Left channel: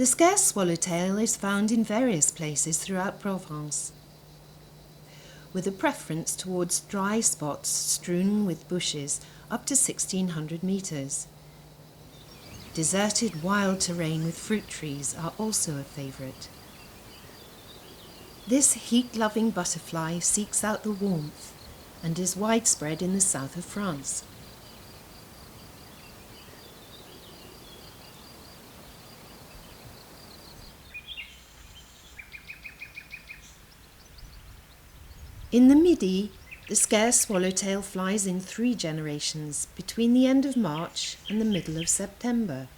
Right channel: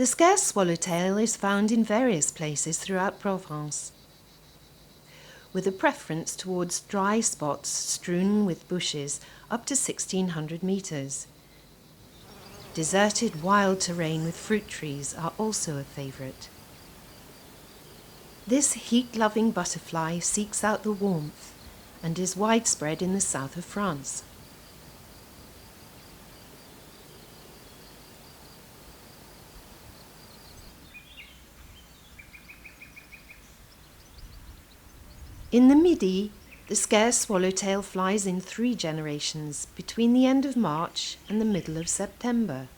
The scarce swallowtail is found in various places throughout Provence, with a preference towards dry spots strewn with bushes up to 1,600 metres. Deserted wild terrain with fruit trees are also a favourite. This heat-loving butterfly seeks out the warmth and is widespread in the south of France. In the Midi, the scarce swallowtail flies in 3 generations between the end of March and the middle of September.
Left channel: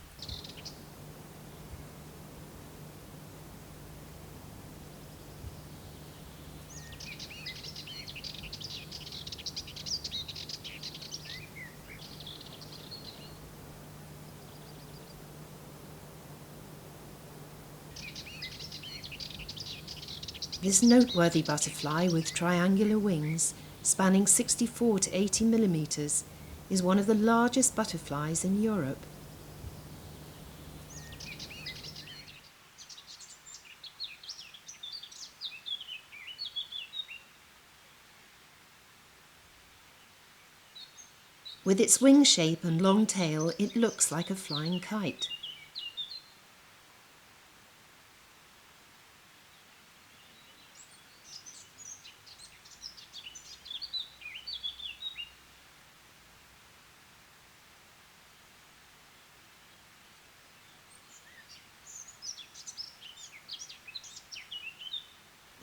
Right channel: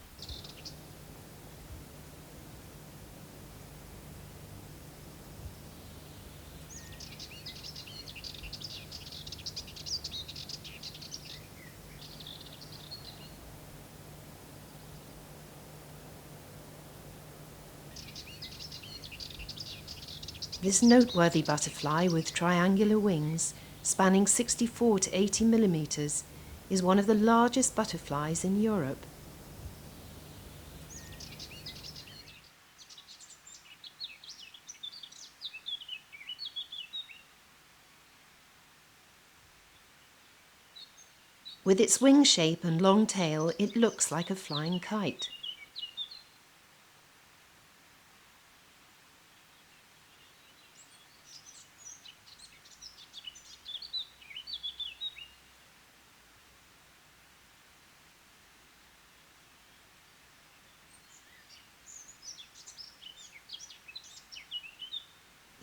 This noteworthy butterfly with triangular wings spanning 64 to 80 millimetres is one of the largest butterflies in Europe. With its wing shape and long tail, it looks like a flying kite.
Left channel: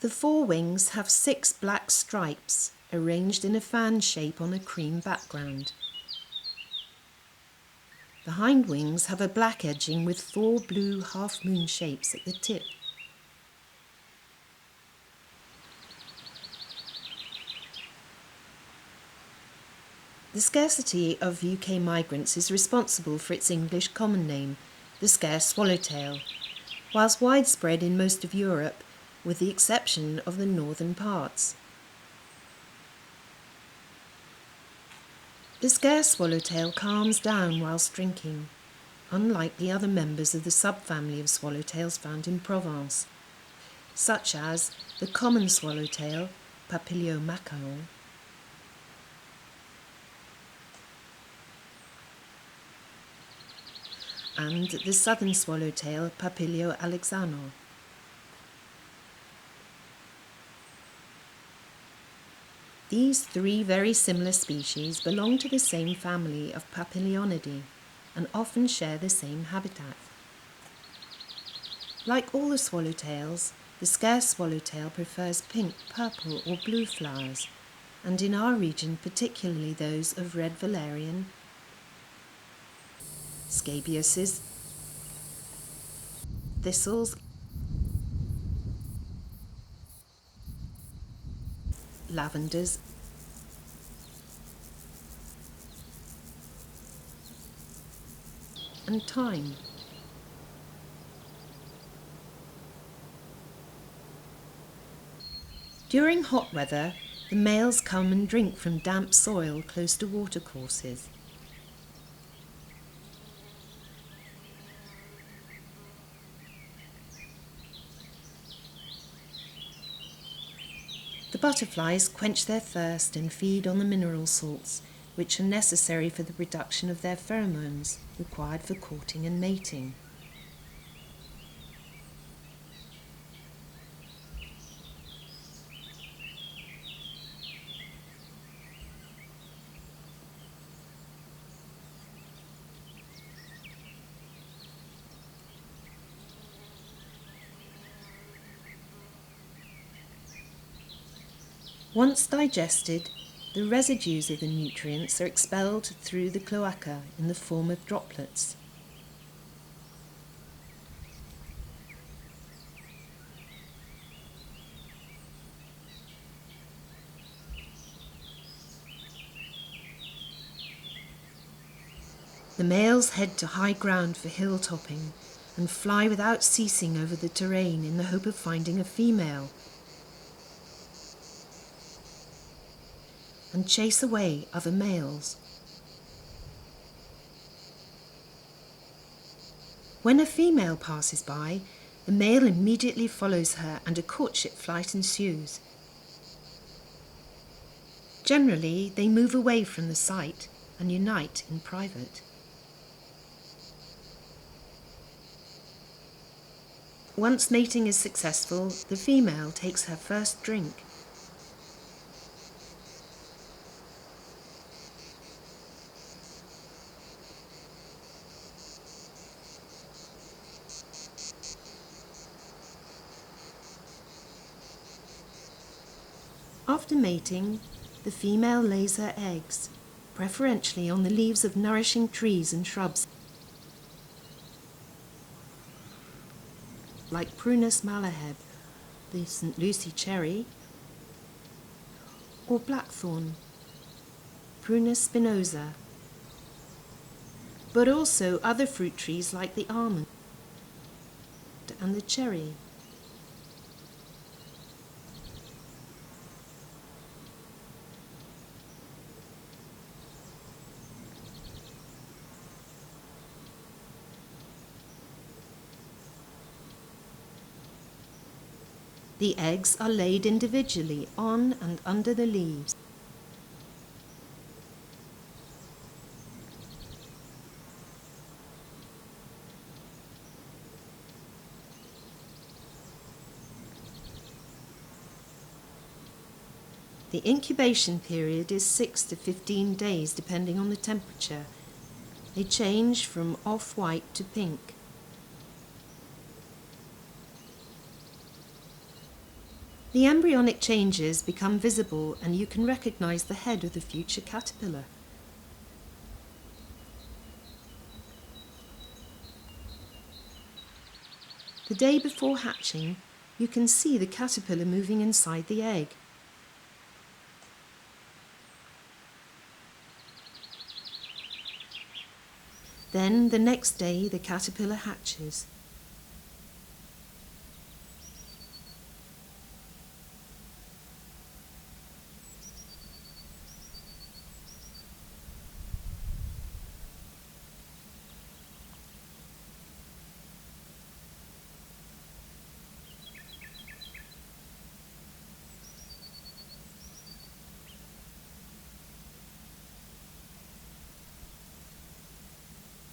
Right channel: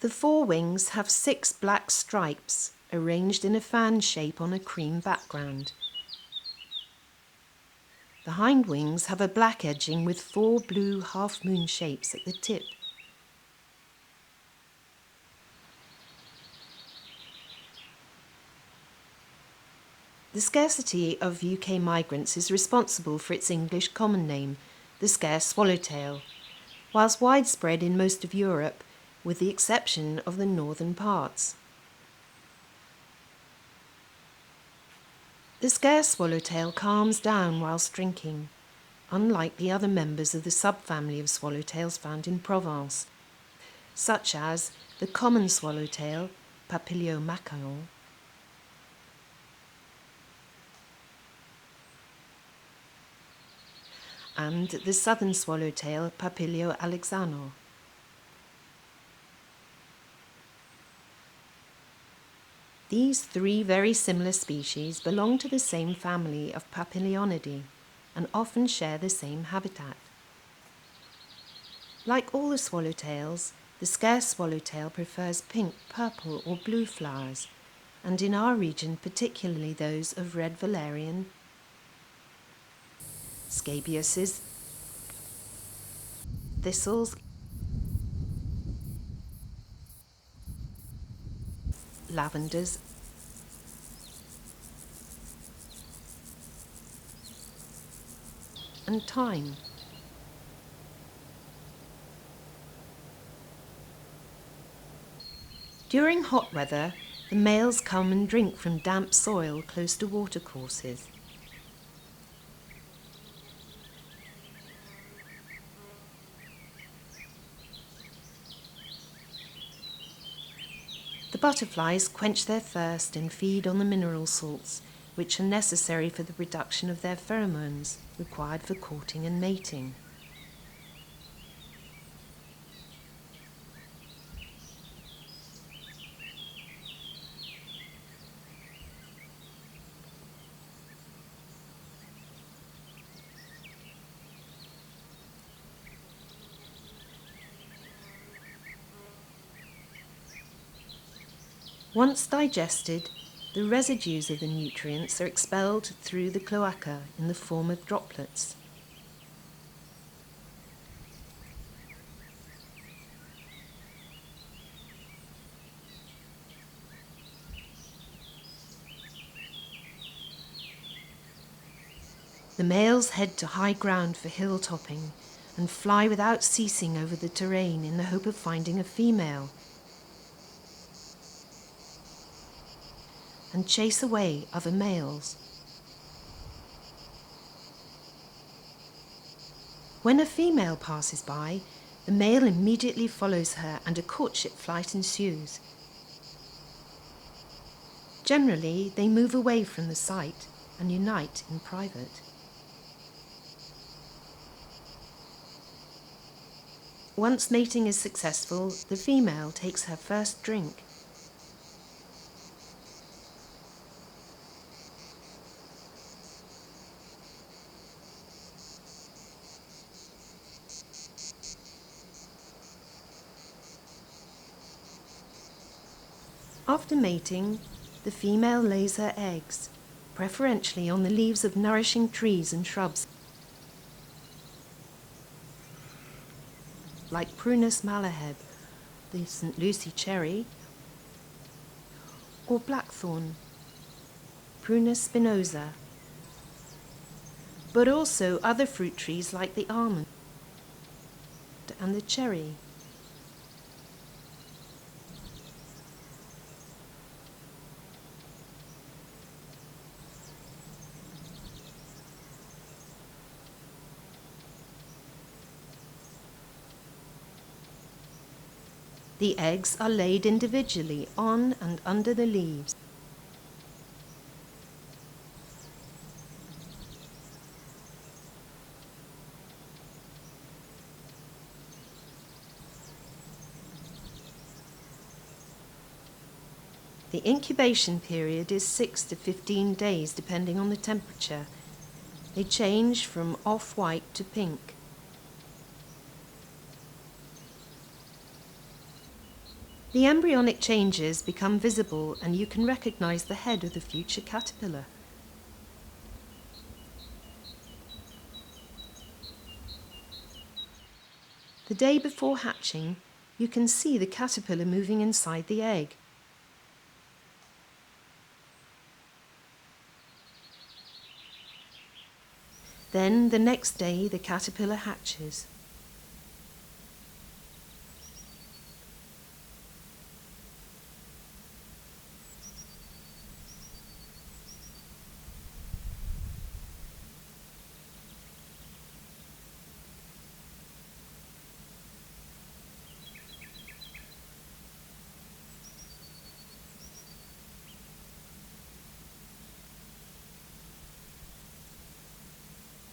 The forewings have 6 black stripes arranged in a fan shape on a cream background. The hind wings have a black edging with 4 blue half-moon shapes at the tip. The scarcity of UK migrants is responsible for its English common name, the scarce swallowtail, whilst widespread in most of Europe, with the exception of the northern parts. The scarce swallowtail calms down whilst drinking, unlike the other members of the subfamily of swallowtails found in Provence, such as the common swallowtail, Papilio macaon, and the southern swallowtail, Papilio alexano. These 3 very similar species belong to the same family of Papilionidae and often share the same habitat. Like all the swallowtails, the scarce swallowtail prefers pink, purple or blue flowers, and in our region particularly those of red valerian, scabiouses, thistles, lavenders, and thyme. During hot weather, the males come and drink from damp soil close to watercourses. The butterflies quench their thirst and feed on the mineral salts, which are necessary for the production of their pheromones required for courting and mating. Once digested, the residues of the nutrients are expelled through the cloaca in the form of droplets. The males head to high ground for hill topping and fly without ceasing over the terrain in the hope of finding a female, and chase away other males. When a female passes by, the male immediately follows her and a courtship flight ensues. Generally, they move away from the site and unite in private. Once mating is successful, the female takes her first drink. After mating, the female lays her eggs, preferentially on the leaves of nourishing trees and shrubs, like Prunus malaheb, the St Lucie Cherry, or Blackthorn Prunus spinosa, but also other fruit trees like the almond and the cherry. The eggs are laid individually on and under the leaves. The incubation period is 6 to 15 days depending on the temperature. They change from off-white to pink. The embryonic changes become visible and you can recognize the head of the future caterpillar. The day before hatching, you can see the caterpillar moving inside the egg. Then the next day the caterpillar hatches.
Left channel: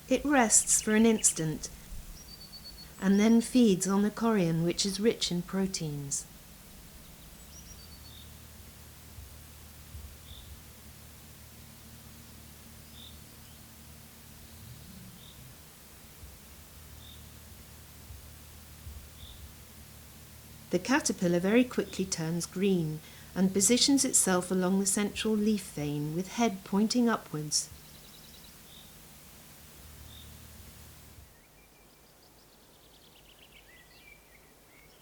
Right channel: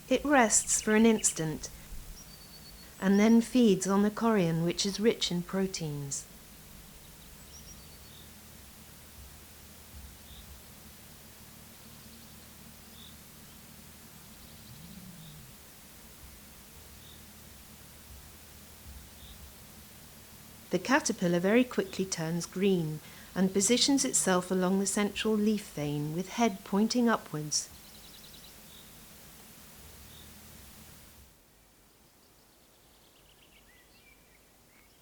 It rests for an instant and then feeds on the chorion, which is rich in proteins. The caterpillar very quickly turns green and positions itself along the central leaf vein with head pointing upwards.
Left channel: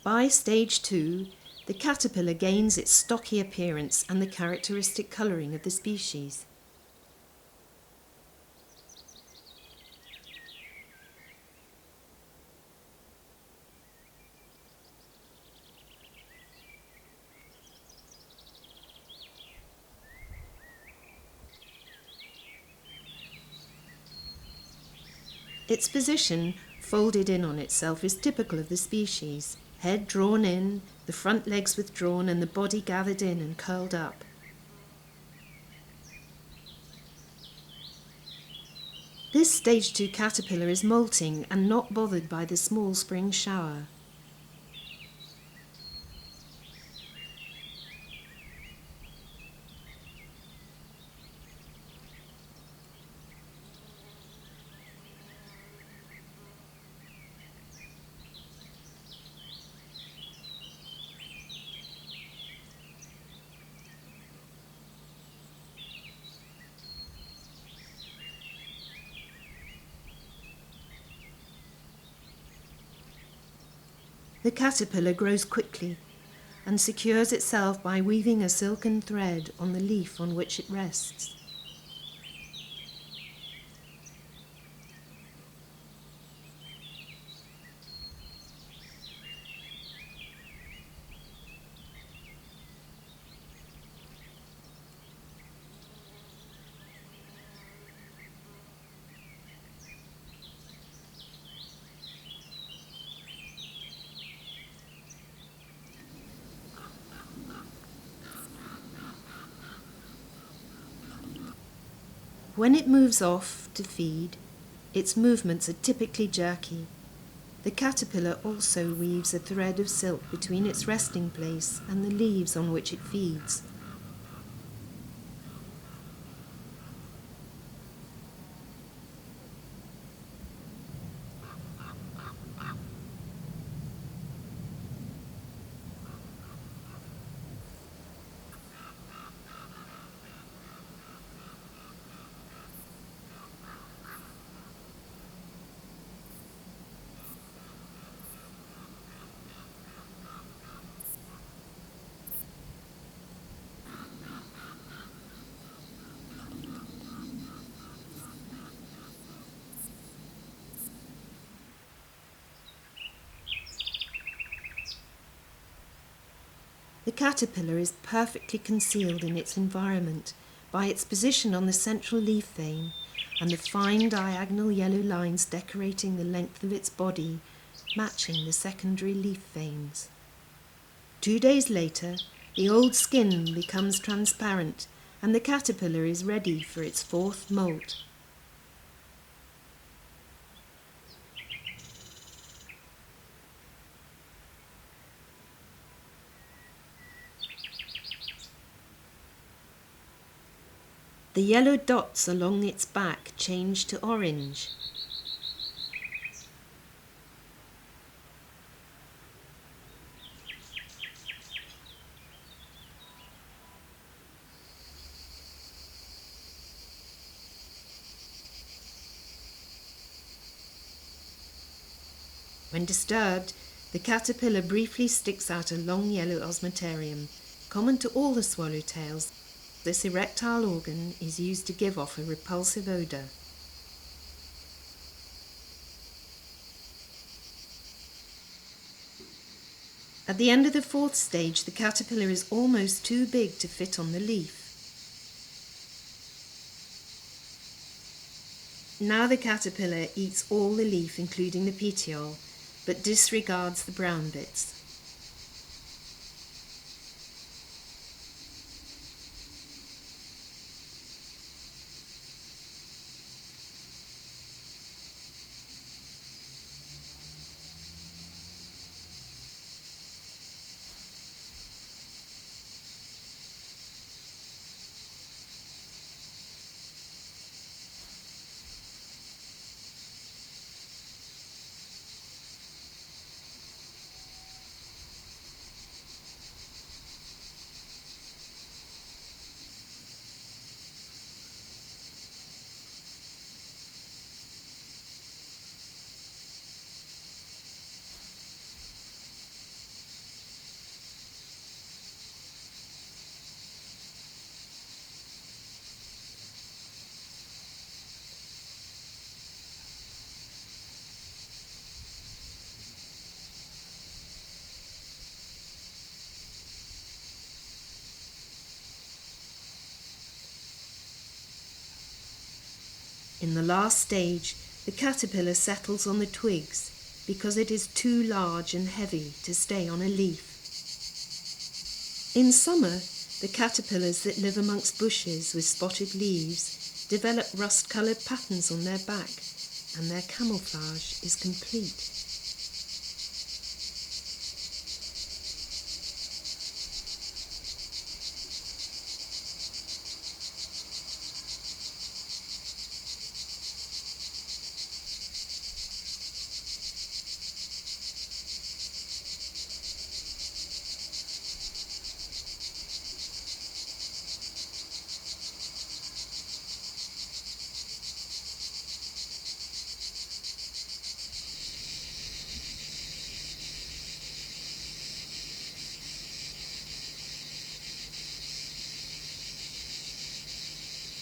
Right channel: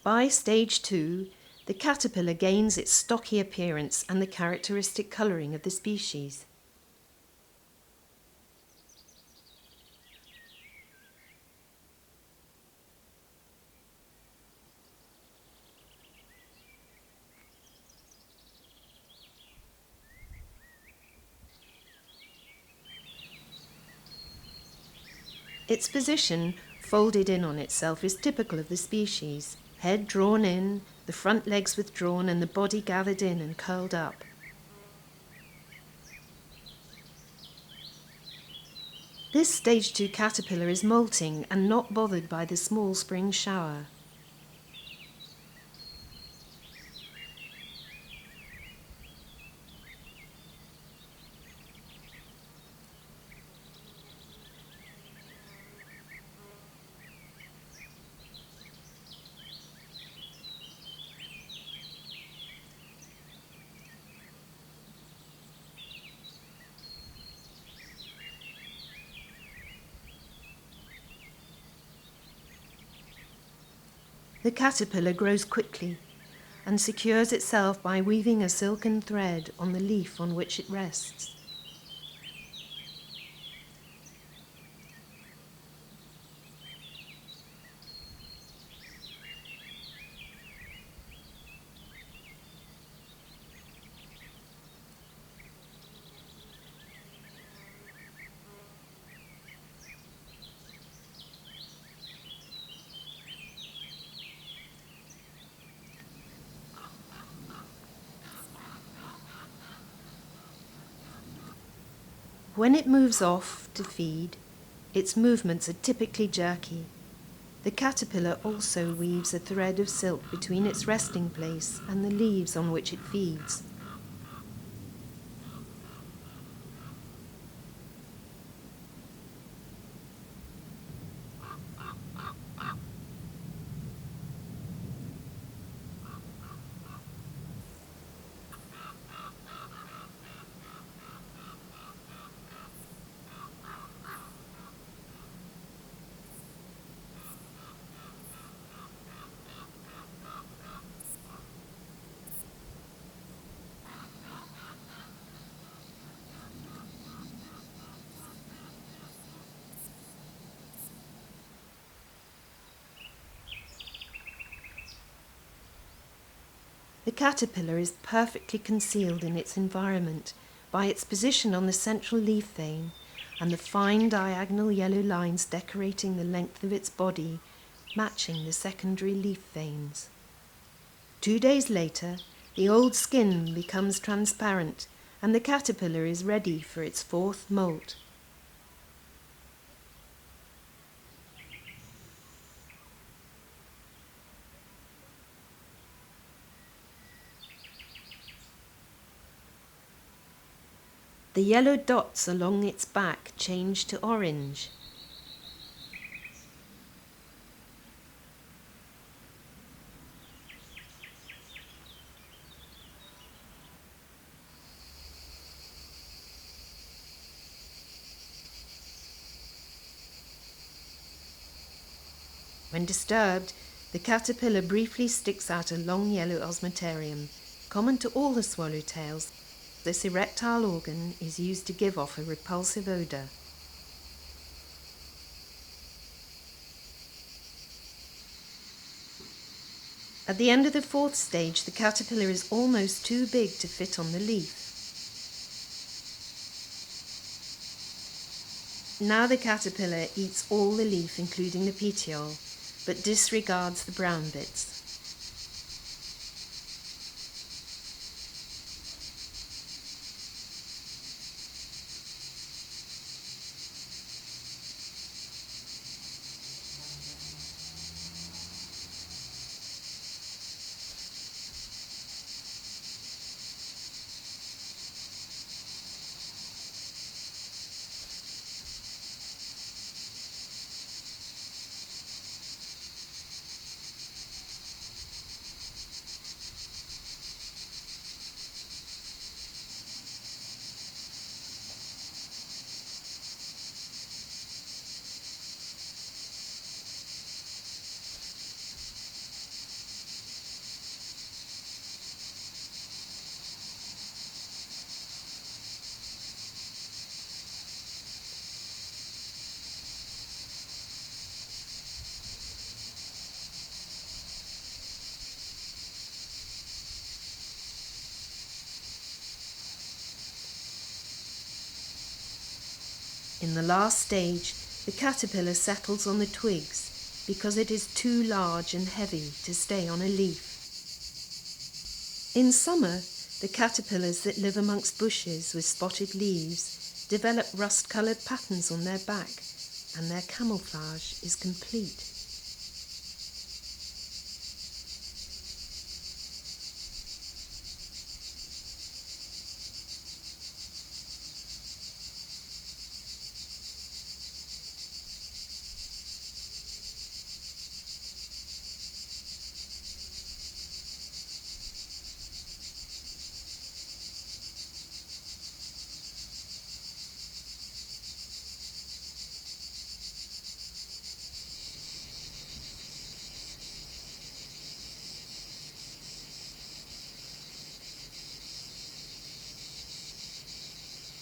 By stage 2, the caterpillar gains its stocky appearance and the characteristic colouring of the species. Its position, folded in on itself, is typical of the species. Head drawn in, the front legs withdrawn and the body gathered in and curled up. This stage 2 caterpillar is molting and not bothered by the small spring shower. The caterpillar grows quickly and secures itself by weaving a silken thread on the leaf on which it rests. When it moves off to feed, its movements are typically jerky. The caterpillar also weaves a thread of silk between its resting place and the leaves on which it feeds. The caterpillar is perfectly concealed in its environment by its position on the central leaf vein and the fine diagonal yellow lines decorating the length of its body, matching the secondary leaf veins. 2 days later, the old skin becomes transparent and the caterpillar is ready for its fourth molt. The yellow dots along its back change to orange. When disturbed, the caterpillar briefly sticks out a long yellow osmeterium, common to all the swallowtails. This erectile organ is used to give off a repulsive odour. At the end of the fourth stage, the caterpillar is almost too big to fit on the leaf. Now the caterpillar eats all the leaf, including the petiole, but disregards the brown bits. In the last stage, the caterpillar settles on the twigs because it is too large and heavy to stay on a leaf. In summer, the caterpillars that live amongst bushes with spotted leaves develop rust-coloured patterns on their back, and their camouflage is complete.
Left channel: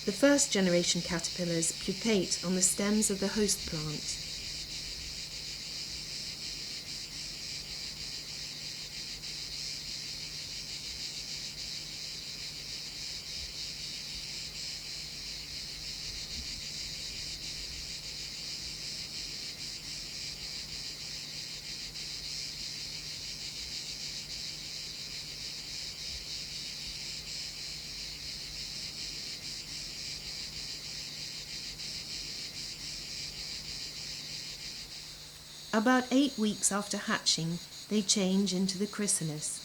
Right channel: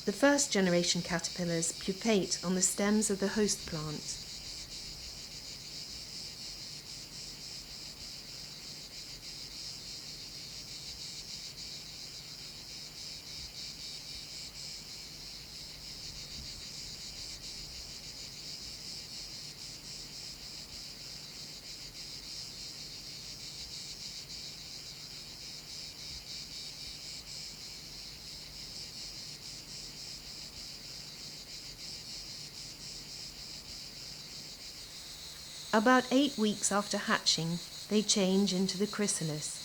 The first generation caterpillars pupate on the stems of the host plant. About 8 weeks after hatching, they change into the chrysalis.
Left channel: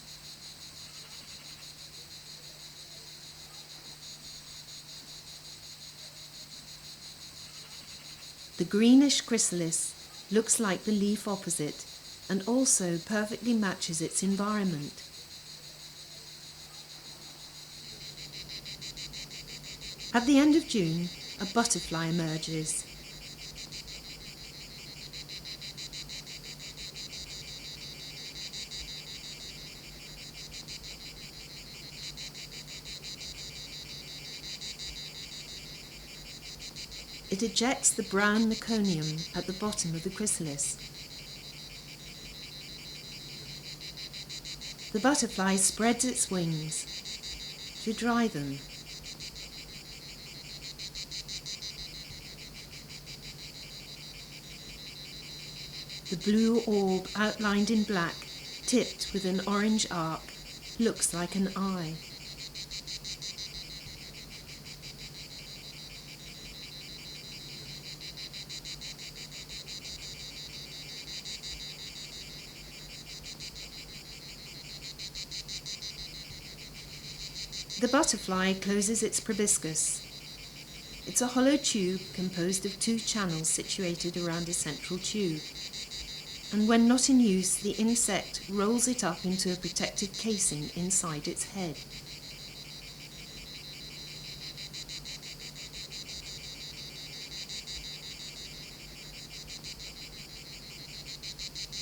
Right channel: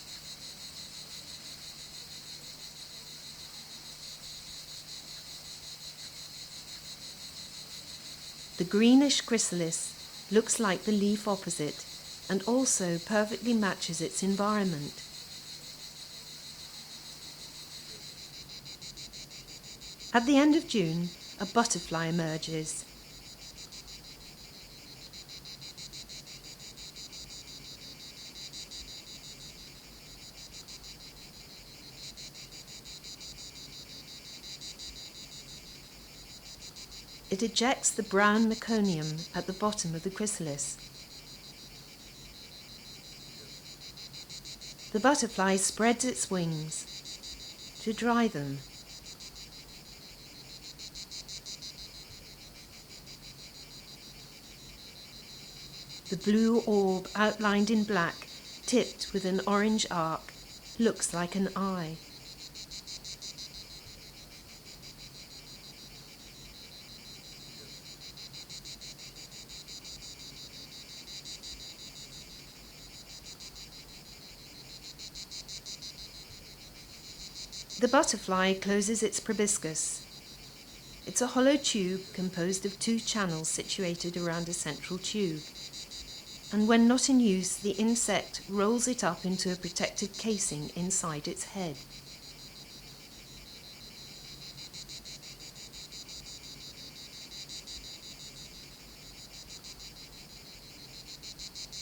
The greenish chrysalis looks like the leaf opposite and also perfectly matches its environment. At the end of June, a butterfly emerges. It ejects the brown meconium at the bottom of the chrysalis. The butterfly spreads its wings to dry them. The blue orb outlined in black, tipped with an orange arc, looks like an eye. The butterfly closes its proboscis. It's a hollow tube composed of 2 channels situated around a central tube. And when not in use, the insect rolls it up into a protective casing inside its head.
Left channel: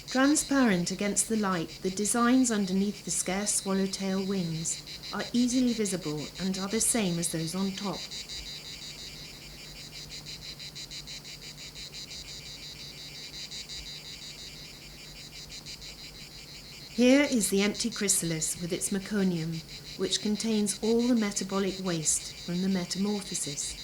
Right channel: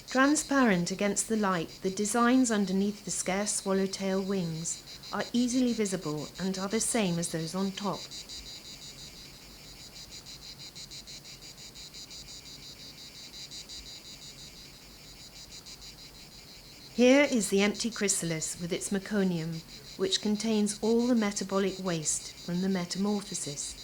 Transparent against the light, the designs underneath the scarce swallowtail wings are easily visible and are the same as those on top. Here is the empty chrysalis with its meconium, which contains all the metabolic waste from the metamorphosis.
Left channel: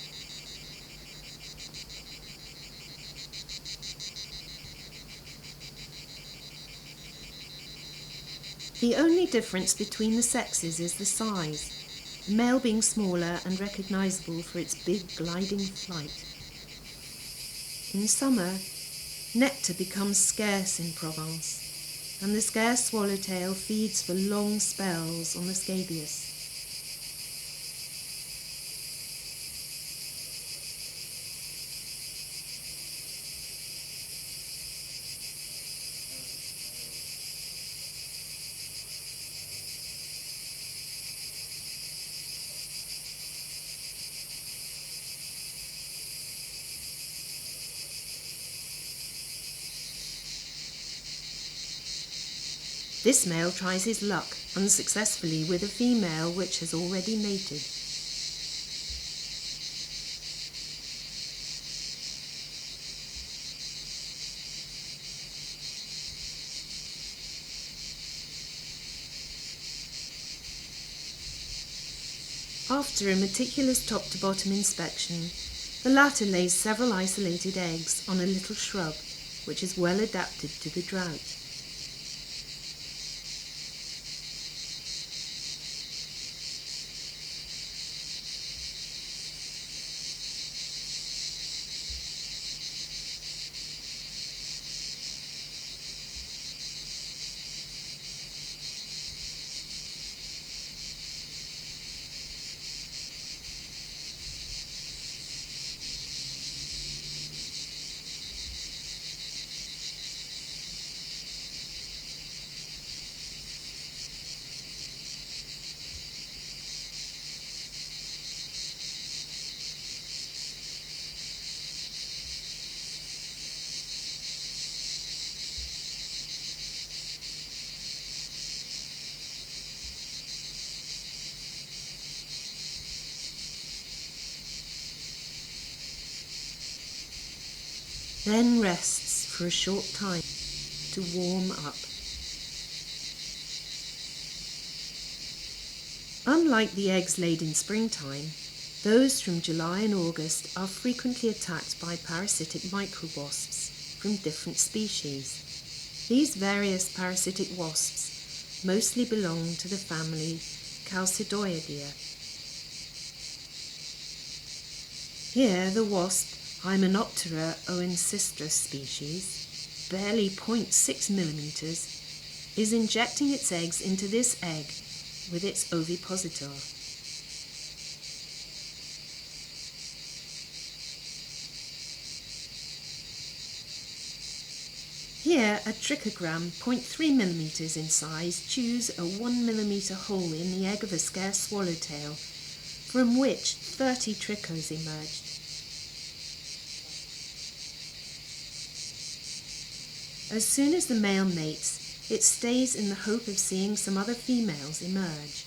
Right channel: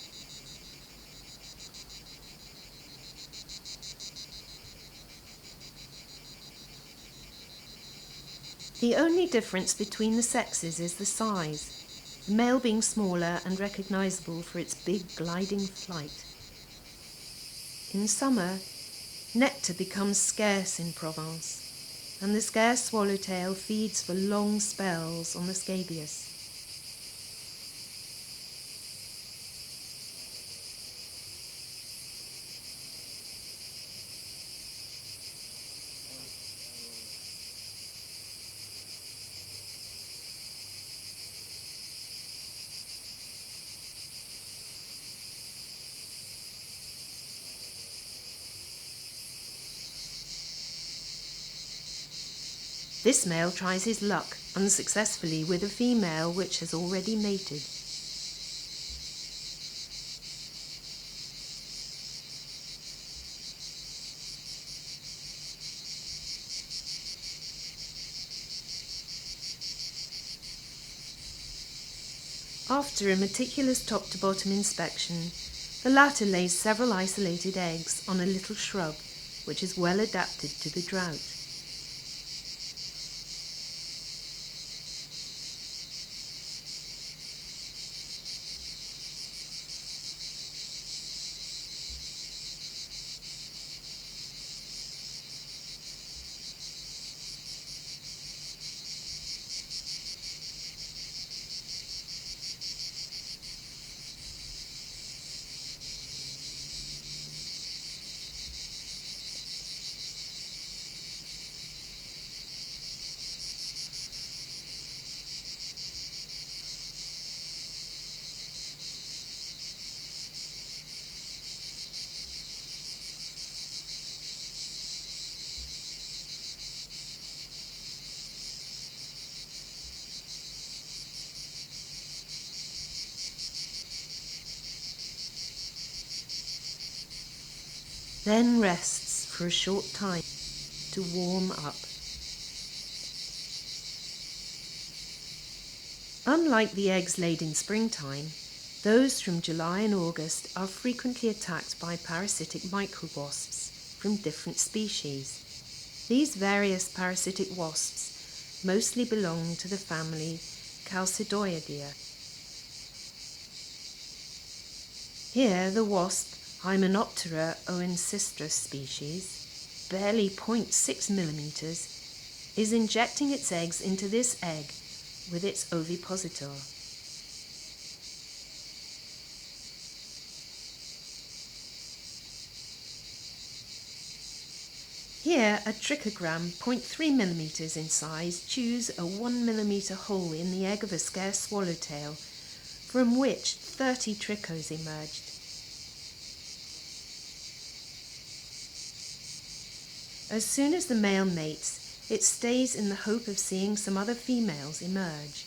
The only difference between the sexes is the size, the male being smaller and recognizable for its big gliding flight. In summer, nectar becomes scarce in Provence, and the scarce swallowtail feeds for long spells on the scabious. This male tries his luck unsuccessfully with a female which has already mated. After a meticulous top-to-bottom inspection, the latter lays several isolated eggs on a little shrub which is well adapted to the drought. Then rests for a short time to warm up. Unlike the eggs laid in springtime, those from July and August are frequently attacked by parasitic micro-wasps from different species. These various parasitic wasps mostly belong to the family Chalcidoideae. Here the wasp Hymenoptera oencistris species barely 0.6 millimeters, is injecting its eggs into this egg with its ovipositor. Here, a trichogram 0.3 millimeters in size chews a 1 millimeter hole in the egg of a scarce swallowtail, from which 30 trichos emerged. As soon as the male mates, it stays in the hope of seeing some other females emerge.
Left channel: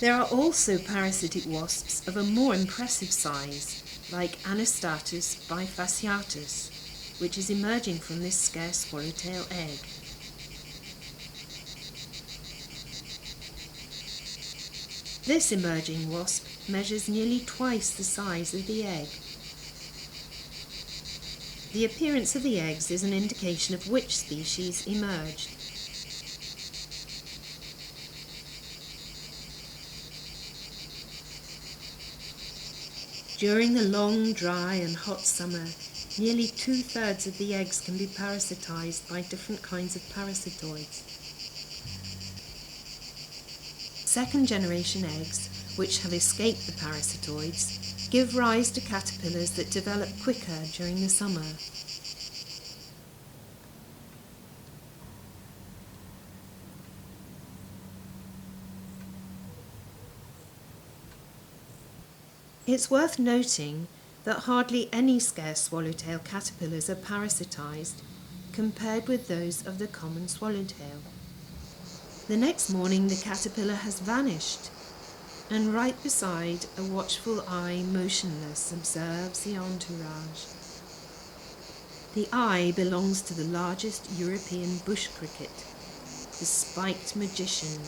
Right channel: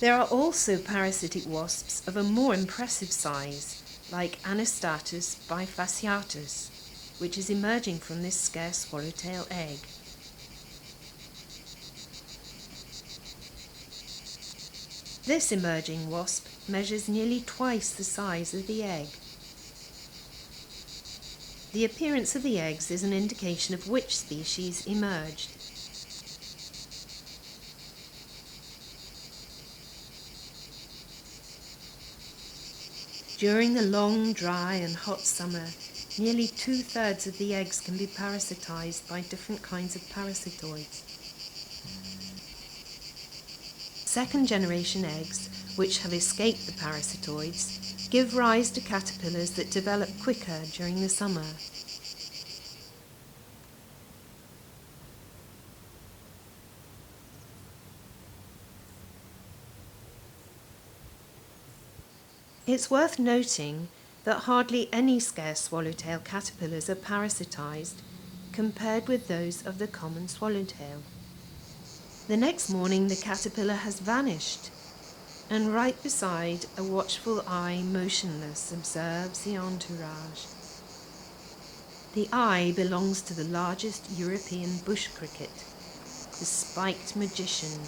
There are also parasitic wasps of a more impressive size, like Anastatus bifasciatus, which is emerging from this scarce swallowtail egg. This emerging wasp measures nearly twice the size of the egg. The appearance of the eggs is an indication of which species emerged. During the long, dry and hot summer, nearly 2/3 of the eggs can be parasitized by different kinds of parasitoids. Second-generation eggs, which have escaped the parasitoids, give rise to caterpillars that develop quicker during the summer. It's worth noting that hardly any scarce swallowtail caterpillars are parasitized compared with those of the common swallowtail. The next morning the caterpillar has vanished, and right beside a watchful eye motionless observes the entourage. The eye belongs to the largest European bush cricket, the spiked magician,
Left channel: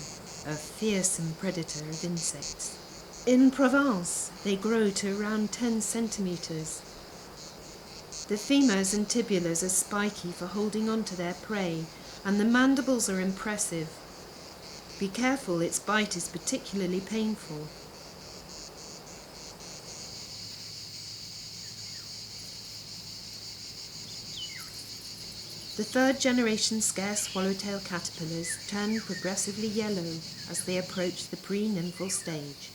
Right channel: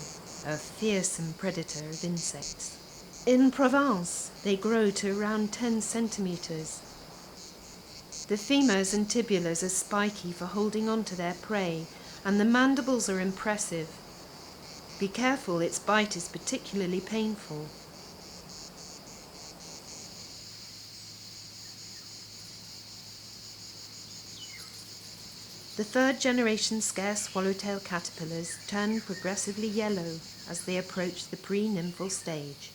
a fearsome predator of insects. In Provence, they grow to around 10 centimeters. The femurs and tibulars are spiky for holding on to their prey, and the mandibles are impressive. Be careful, its bite is particularly painful. The third-generation scarce swallowtail caterpillars turn progressively yellow as they approach the pre-nymphal stage.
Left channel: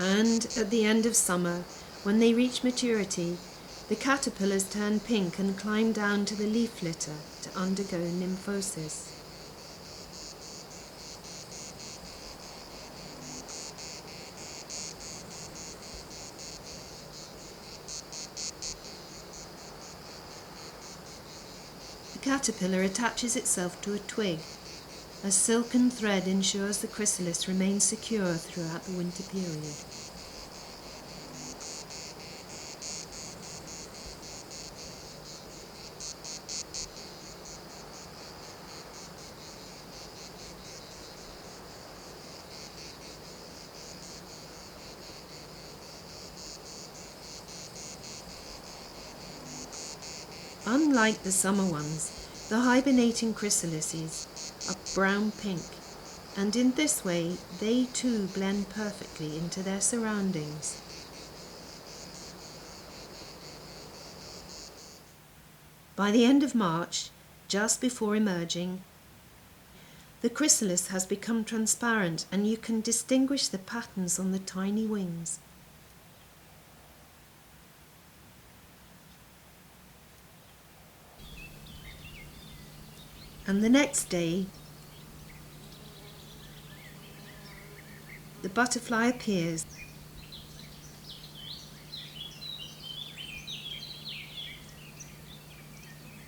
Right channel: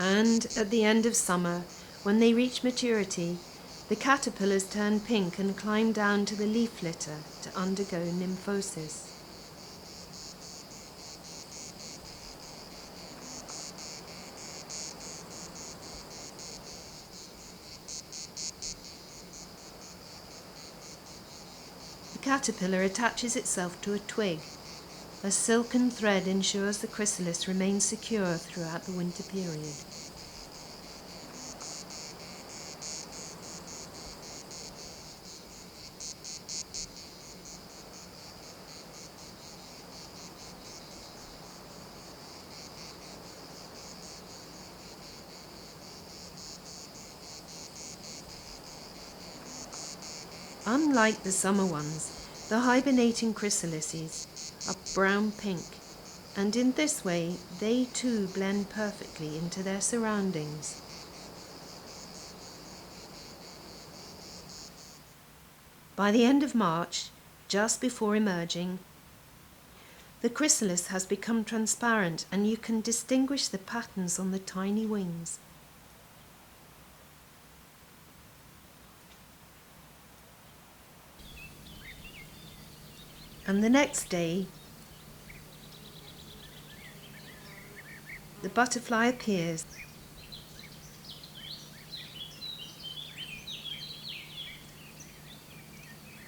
And at the end of summer, when they reach maturity, the caterpillars turn pink and climb down to the leaf litter to undergo nymphosis. The caterpillar attaches itself to a twig. A silken thread ensures the chrysalis remains secure throughout the winter period. Unlike the summer ones, the hibernating chrysalises are brown-pink, and in this way they too blend perfectly into their surroundings. By the end of March, just before emerging, the chrysalis has become transparent and you can distinguish the patterns on the tiny wings. And the next day, the butterfly appears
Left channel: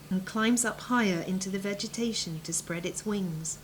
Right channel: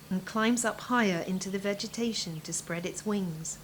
and climbs up higher into the vegetation to spread its wings.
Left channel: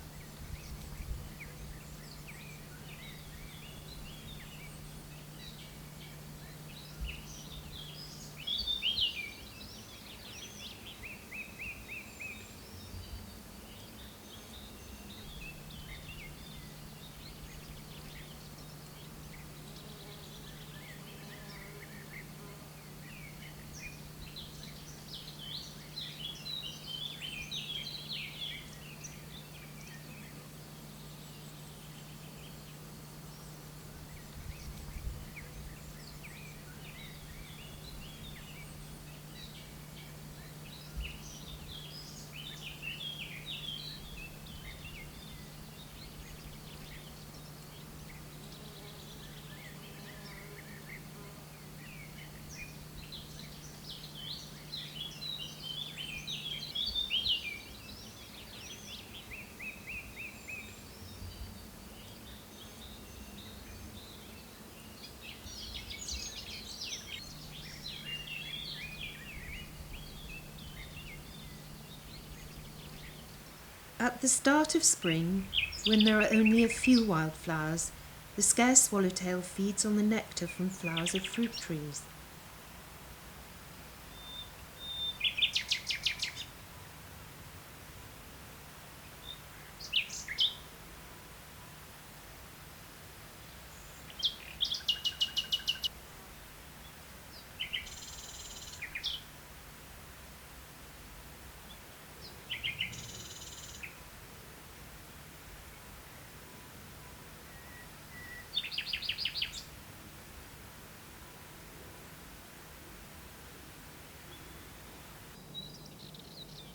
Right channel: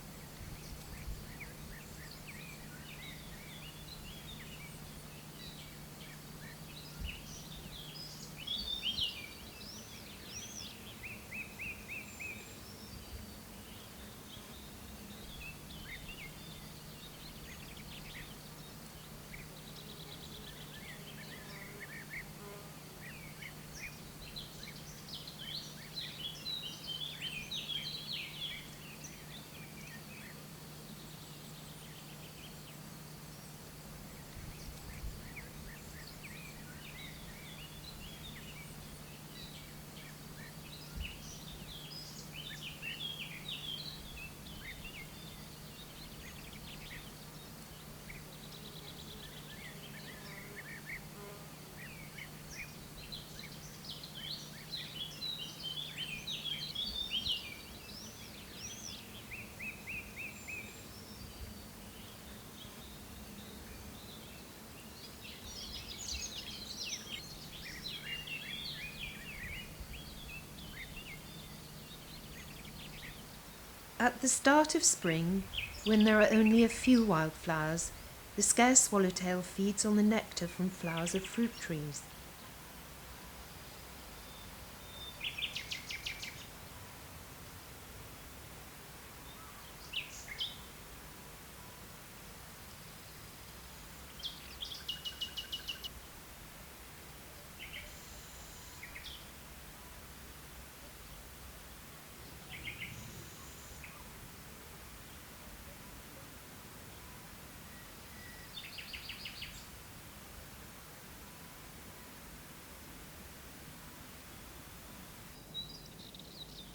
At the start of spring, when there are only a few wildflowers, the scarce swallowtail feeds on the nectar from flowers of fruit trees.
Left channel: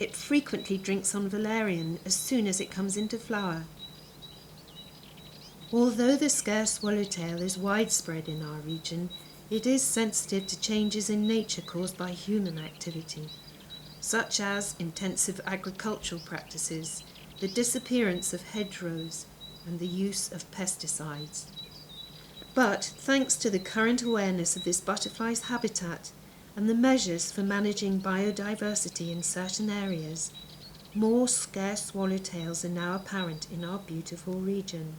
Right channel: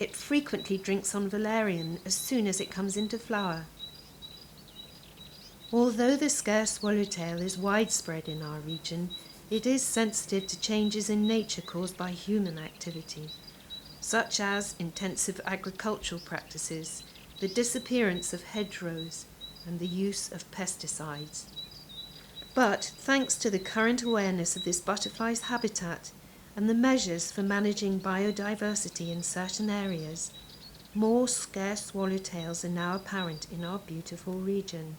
It frequently drinks on valerian as soon as it comes into flower. Although the scarce swallowtail is widespread in our region, it is sensitive to changes in nature caused by human activity, such as intensive agricultural practices, the disappearance of hedgerows, and the use of pesticides. But thanks to the current awareness of this butterfly's habitat and the measures for managing biodiversity in certain areas, more scarce swallowtails are now apparent in our beautiful region.